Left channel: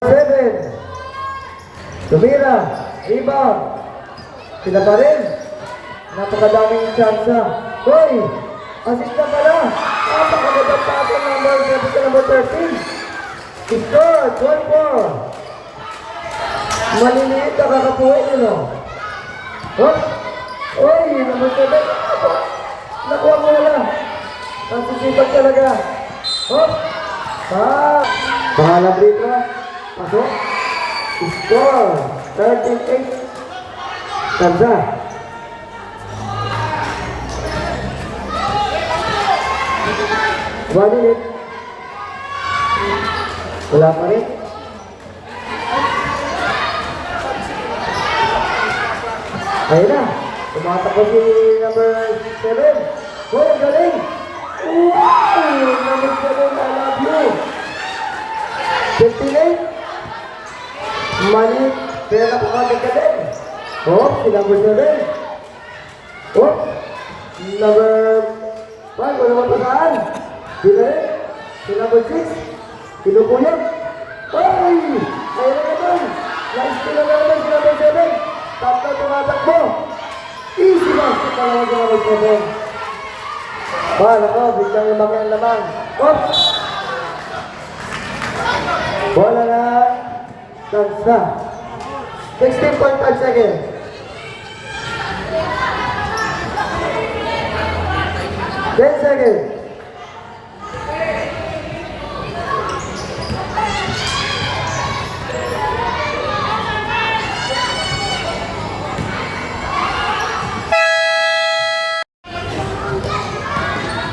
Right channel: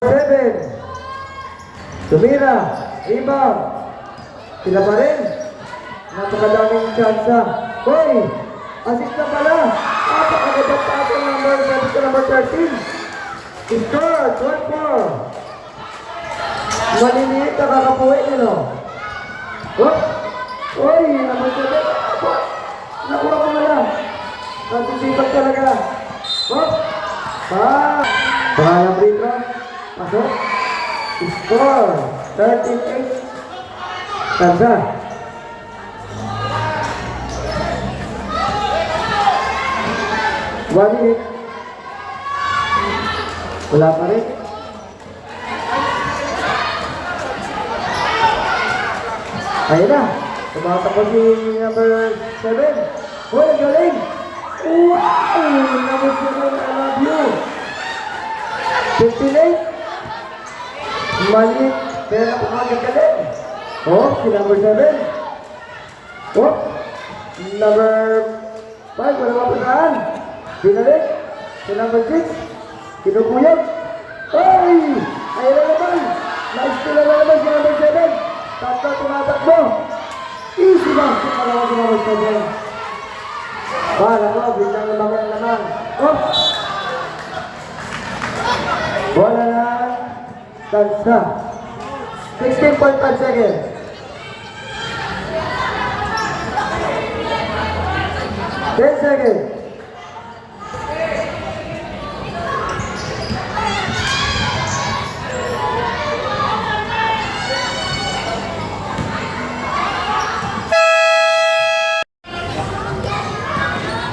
7. Tumira. Rebound. Sila pa rin. Napakadaming tsansa. Hoy! Assist na pala. Napakagandang pasa number 13. Score. 12-4. Maliliit na kakapuhin yun o. Oh! Hoy! Number 7. Nakuha mo na. Nasisipag talaga. Oh! Pangalang rito. Pasok. Score. 38. Kamsa. Maliit. Wala pa rin. Ayun na. Tumatakot si number 7. Hoy, galing! Wow! Number 7, I love you. 58. Mali. Pero tumagod ka din. Oh, si number 7. Oh, number 5. Wala pa saan. Dinalik. Si number 6. Pinupuyot. Ay! Ayun na naman. Nice to naman si number 7. Tapos tumatakbo. Easy lang. Talaga si number 7. Wala ka. Biglang lamang. Oh! Wala na. Tansa. 16.5 seconds. Ten seconds.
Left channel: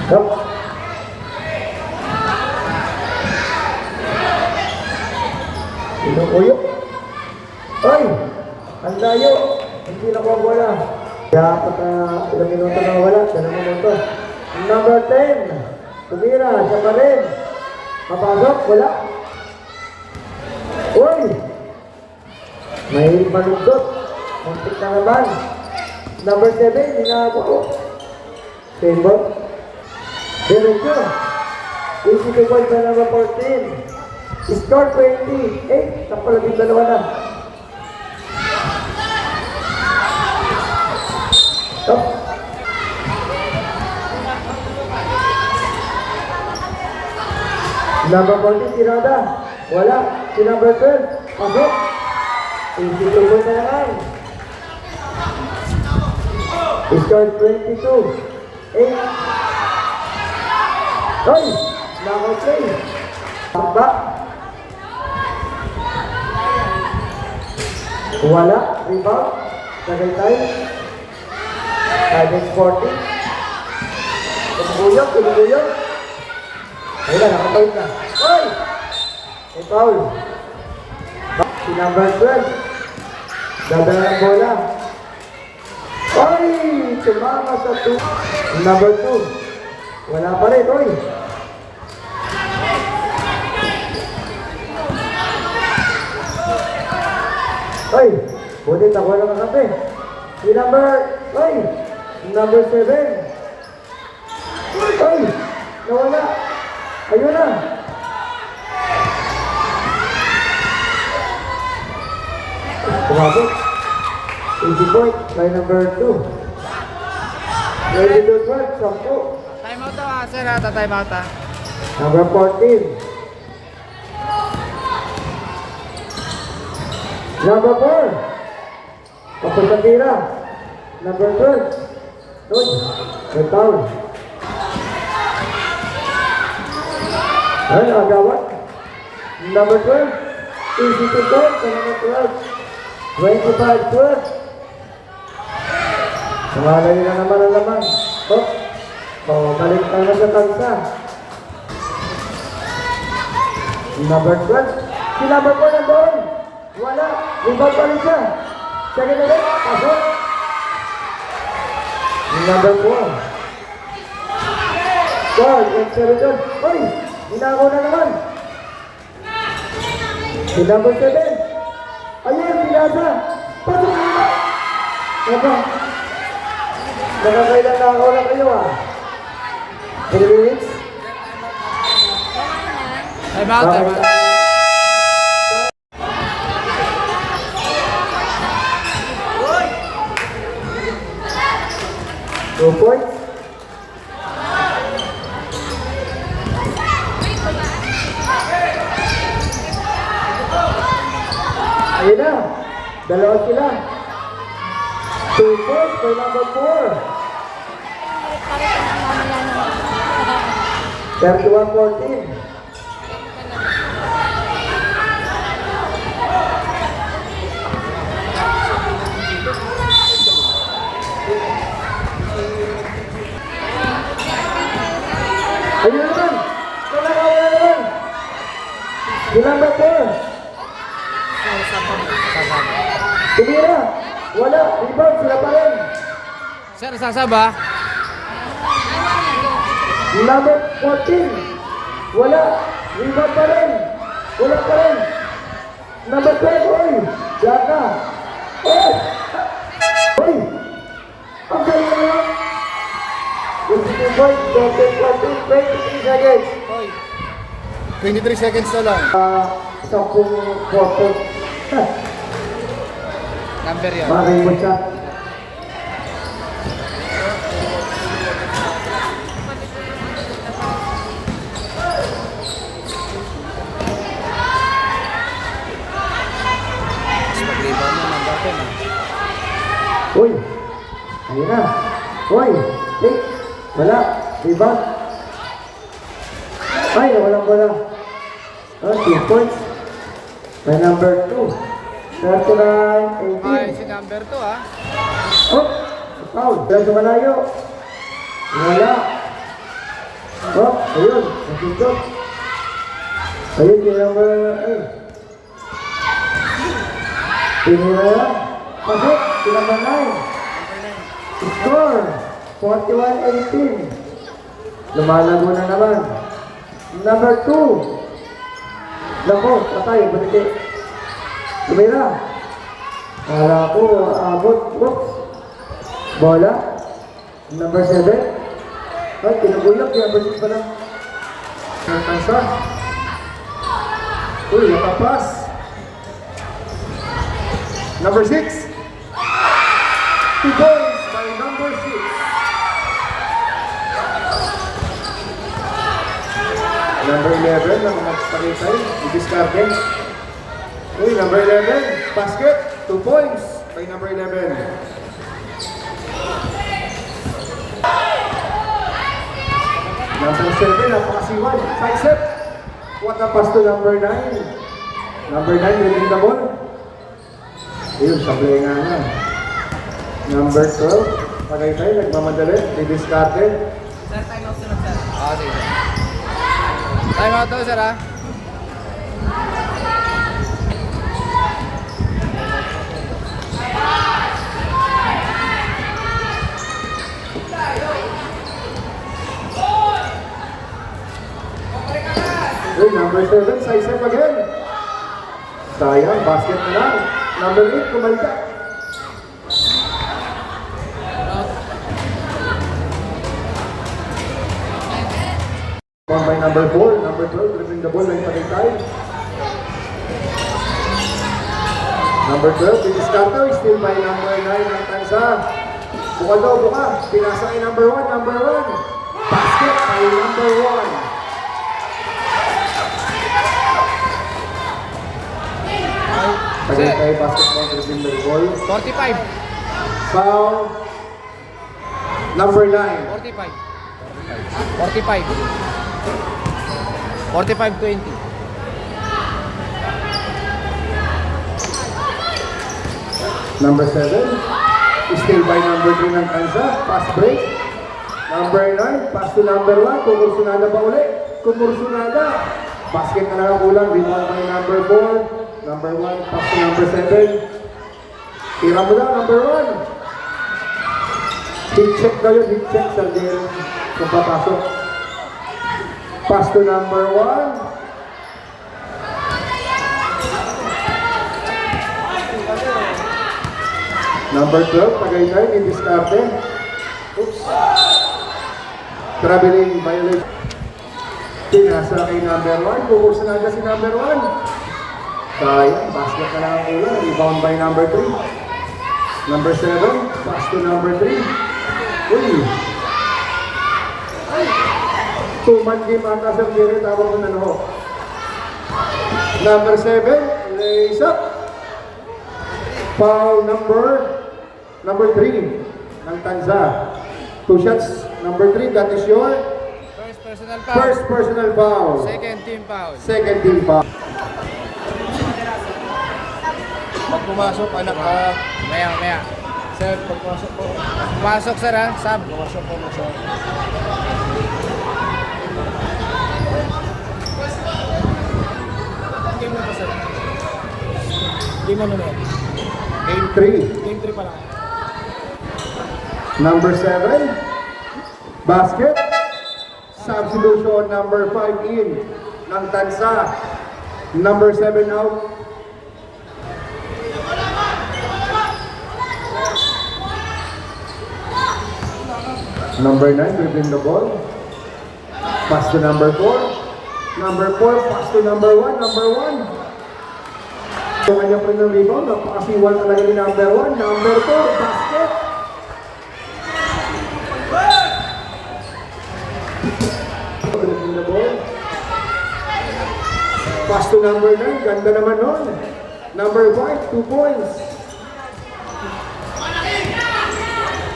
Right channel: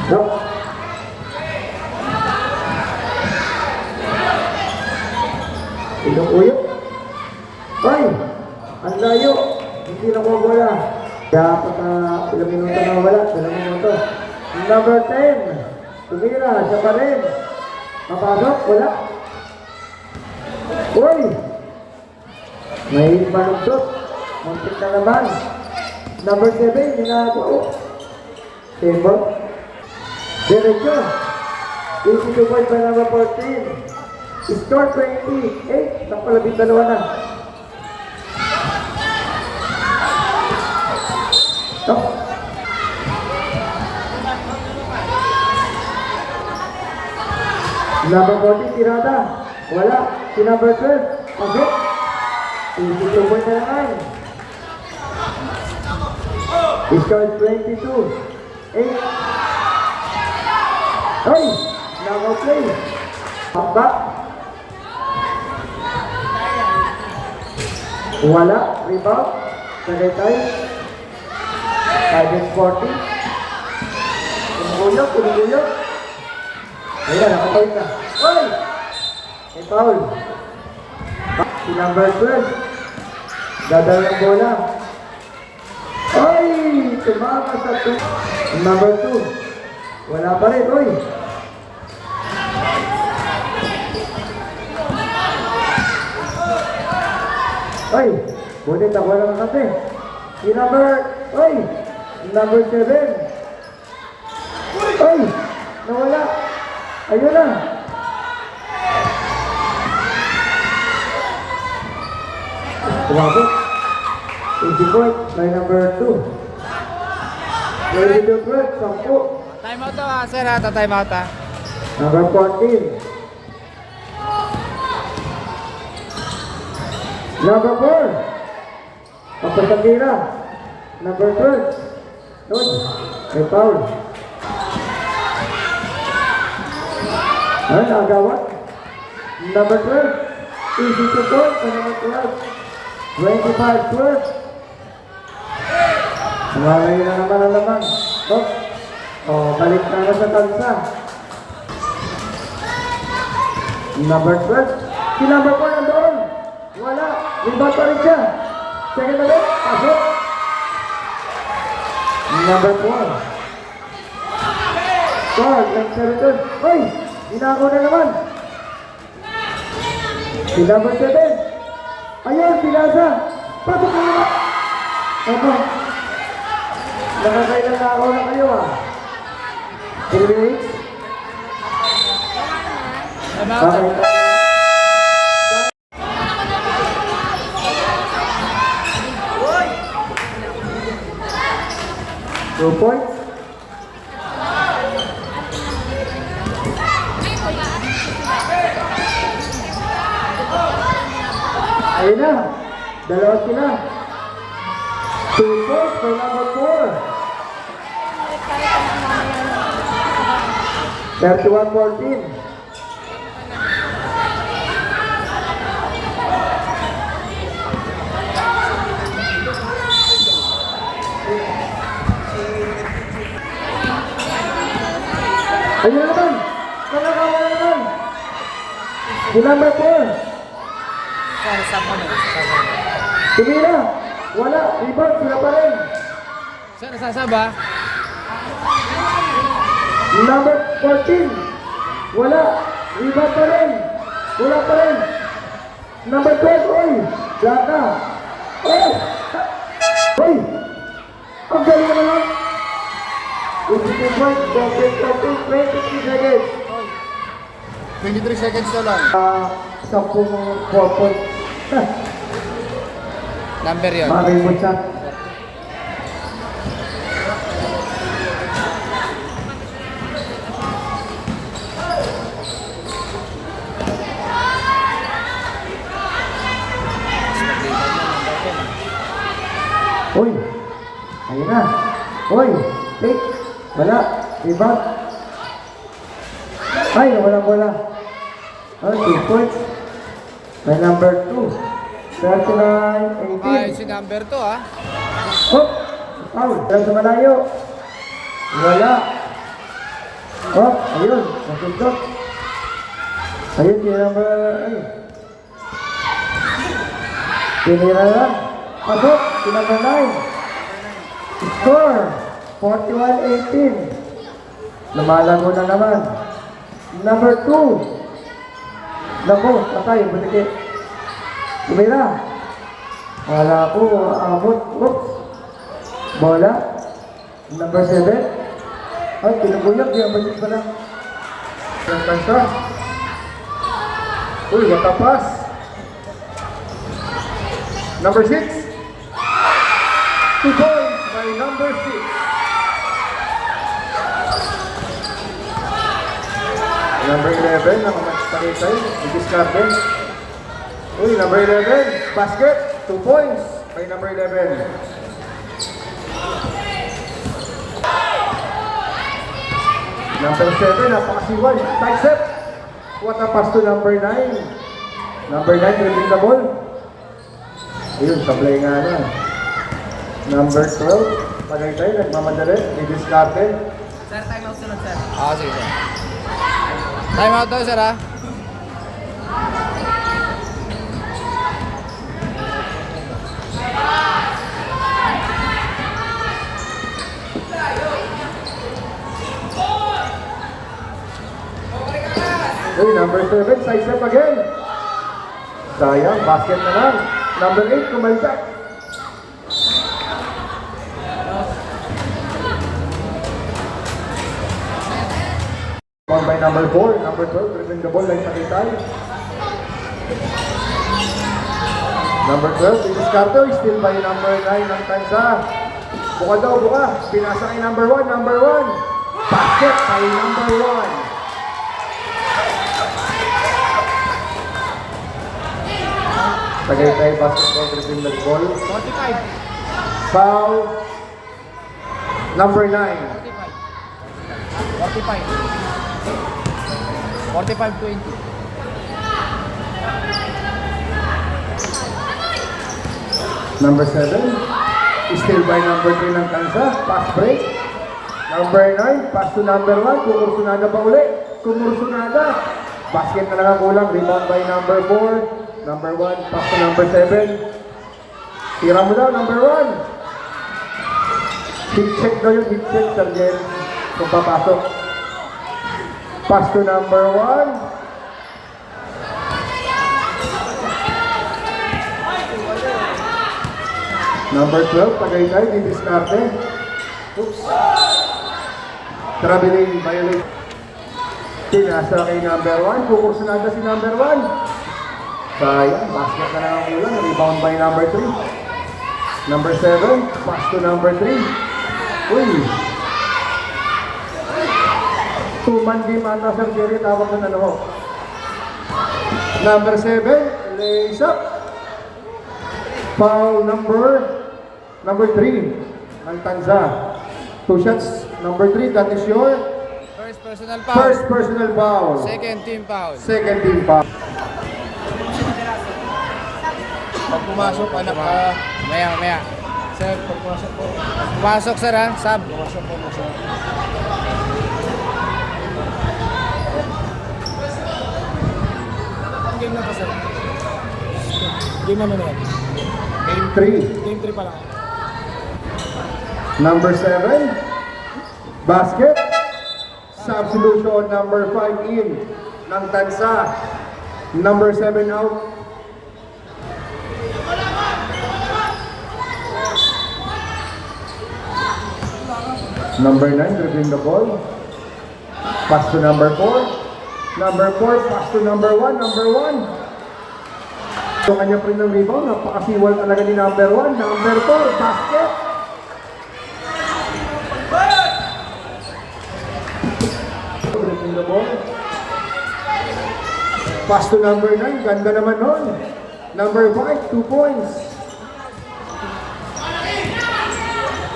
Go. Pinupuyok. Oy! Ang layo! Hindi na bola. Dapat na ilang minuto na wala. Ilang minuto. Number 10. Tumira. Sa rin. Mapasok. Wala. Uy! May manugdok. Muntik na naman. Number 7. Hinako. Simple. Dunod ko. Easy to fight sa number 14. Score 28. Napalabing dalawa na. Oh. Number 14, tirada. Wala. Si number 12. Pasok. Easy to fight na yan. Score 22. 8. Hoy! Number 3. Tamba. Wala. Iba. Tagay. 740. Tumuyok. Ayan, nakapawin na. Hoy! Ikaw. Si number 12. Dadala ng bola. Hoy! Tumama sa 2. Number 2. Wala pa rin. Hoy! Hoy! Bulit ako lang natin. Si number... Hoy! Number 7. Hoy! Nawala. Ayun na. Tumabot. 84. Kay number 2. Ready to 12. 10. Time out to, sir. Time out. Number 14. Number 4. Kapatagira. Number 12. Good. May foul. Ay, agawat. Number 12. Easy to go. Number 12. 25 good. Ay, naman. Good. Oh, balik na lang sa pansa. Number 12. Si number 4 nandoon. Wala. Rebound pa rin siya. Second ulit. Pasok. Number 4. So, nag-7. Uy! Ginagawa na naman. Si number 7. Ayan, pinasa. Pasok na naman. Ano? Nakakailan na ako na kayo ah. 3 minutes. Time out. 2 points. Ayun na. Dalawa sila. 2 points for number 4. 31-14. Ayun naman! Ayun naman! Ginamit ko! Tumira! Wala! Rebound! Sila pa rin! Sir, sasaba. Number 14! Wala! Rebound pa rin! Wala pa rin! Number 12! Oy! Jaka! Oy! Oy! Ang galing na! It's the ball, double, 23 seconds na lang. 10 quarter. Number yun. Bagay mo siya. Uy! Ayun na! Uy! Take! Dala! Iba! Ay! Walang bola! Oh, 2 points! The number 2! 39, Ay, 18! si number 2 ah. Oh! Ow! Dala sa malayo! Wala! Oh! Ayun! Nasindok! Ayun si number 8! Pinira lang! Pasok! Si number 9! Score! 41-18. Lumalago na naman. Number 2. Lako, patay, bunti. Pinira. Wala ko, abot. Oops. Bola. Number 7. Ay, tinigulat. Kaya bunti pala. Kansa. Uy, nakapas. Number 6. 2 points by number 6. Number 11, nakapagpakitay, i-discard. Uy, number 11, basket, 2 points by number 11. Number 7, napakasiwan, side set. What a pass to number 9. Number 9, winning the ball. Ayun, sablay nga niya. Number 12, Tagaytay, nagmamadali, i-discard. Ah, sige sir. Time out daw sir ah. Uy, number 7, side set again. Sayang, basket na lang. Number 8, kumalitak. One by number 4, number 12, using the ball like Tagaytay. Number 12, Bilis Carter, still by number 9 ng Tansa. Buka daw, buka. Pinasa kay number 1, number 1. Basket by number 1. Tagaytay basketball using the ball. 45. Foul. Number 9. 45. 45. 45-20. Number 7, still by number 3 ng Tansa, pass break. Number 9, pass to number 1, Kumursunada pa ulit. Kumursunada. Basket na lang ang kulang, rebound by number 4. Number 1, pass to number 7. Tira mo lang, number 1. Big check daw yung big check sa game kung papasok. Pass to number 1. Number 12, Tagaytay, di-discarte. Oops. Traveling violation. Tinasa kay number 1. Kukursunada si number 1. Sayang, basket na lang ang ulan. Rebound by number 3. Number 7, pass to number 3. Uy! Two-man game ata Sir Jerry, tawag mo na ano. Number 7, lays up. Foul number 3 ng Tanza. 2 shots. Number 3, that is your First personal foul. first personal foul. Second team foul. Second team foul. Pag pumasok, anak ka. Maya. Sir, pag pumasok po. Pasok sir ha, sub. Pumasok po mo, sir. Game na po sir. Game na yan. Game 3. Game 3 pa lang. Number 7, basket. Substitution number 5 in ng Tansa. Number 7 out. Number 9, dribbling the ball. Pass to number 4. Number 4, pass to number 1. Number 1. Yung kanya po ng rebound, napakasiwal talaga ni number 1. Number 4, basket. Dribbling the ball. Pass to number 9, ganda naman nun. Number 5, 2 points.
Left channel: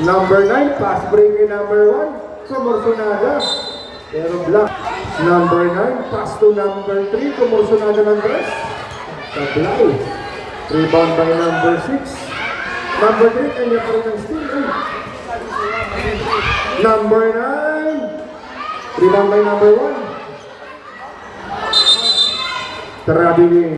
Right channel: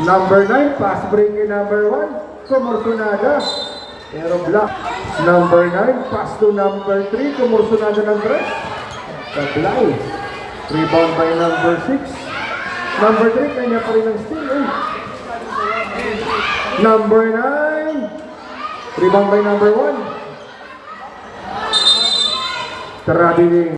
Number 9, pass break kay number 1, Comorcionada. Pero block. Number 9, pass to number 3, Comorcionada ng dress. Supply. Rebound by number 6. Number 3, kanya pa rin ang steal. Number 9, rebound by number 1. Trabili.